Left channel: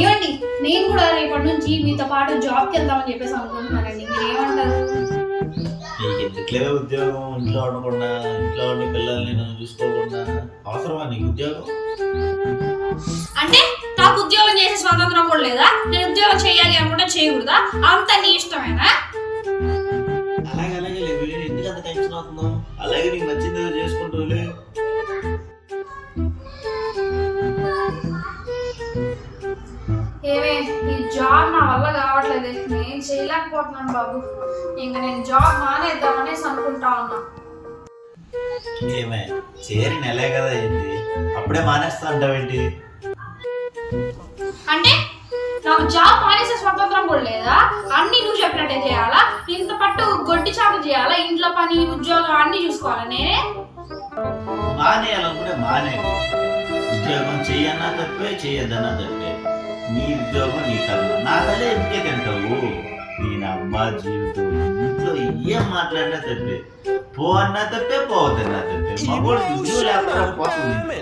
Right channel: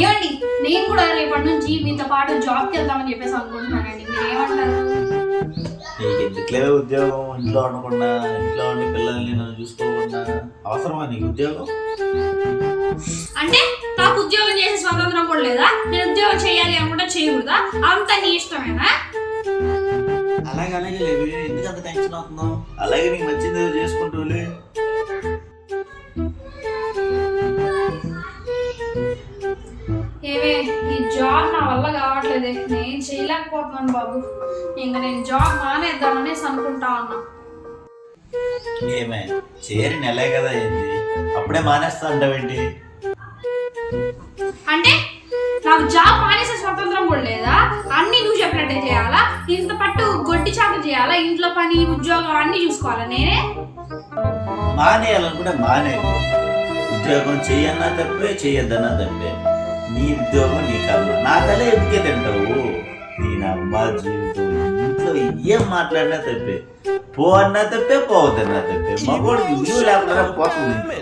ఏమండి, నేను కూడా రేపటి నుంచి మీతో పాటు జాబ్కి వెళ్దామని చెప్పేసి అనుకుంటున్నానండి. మీరు ఏమంటారు? నీకు ఎందుకులే ఉద్యోగం, ఇంట్లో ఉండకుండా, ఇంట్లో ఉండి పిల్లల్ని నన్ను చూసుకోకుండా అవసరమా నీకు ఉద్యోగం? అంటే నాకు ఉద్యోగం చేసే స్వాతంత్రం కూడా లేదా? నేను ఉద్యోగం చేయాలి అనుకుంటే చేయకూడదా? అంత నీ ఇష్టమేనా? అలాగే ఎందుకు అంత టెన్షన్ అవుతున్నావు? అలాగే నీకు నచ్చింది ఏదో చేసుకుంటూలే. ఏమే, ఈ జాబ్ నా వల్ల కావట్లేదే, నేను చేయలేకపోతున్నాను బాబు. ఇంకా నేను జాబ్ మానేద్దామనేసి అనుకుంటా ఉన్నా. ఏమే చేరి నెలే కదా అయింది, అప్పుడే మానేస్తా అంటావేంటి? అంటే నాకు జాబ్ మానేసే స్వతంత్రం కూడా లేదా? అన్ని నువ్వు చెప్పినట్టే చేయాలా? ఇంత పట్టు గొడ్డి చాటు చేయాలా? ఇంట్లో పని, ఉద్యోగం అన్ని చూసుకోవాలా నేనే? మానేయాలనుకుంటే మానే. ఉద్యోగం చెయ్యన్నా తప్పే, చెయ్యొద్దన్నా తప్పే. నీ ఉద్యోగం నీ కర్మ. నా తల్లి ఎందుకే తింటావు? నేను అమ్మ జీవితం ఇంట్లో ఏం మాట్లాడినా తప్పే, పో అన్నా తప్పే, పోవద్దన్నా తప్పే. మగోడు లేకపోతే పోతుంది.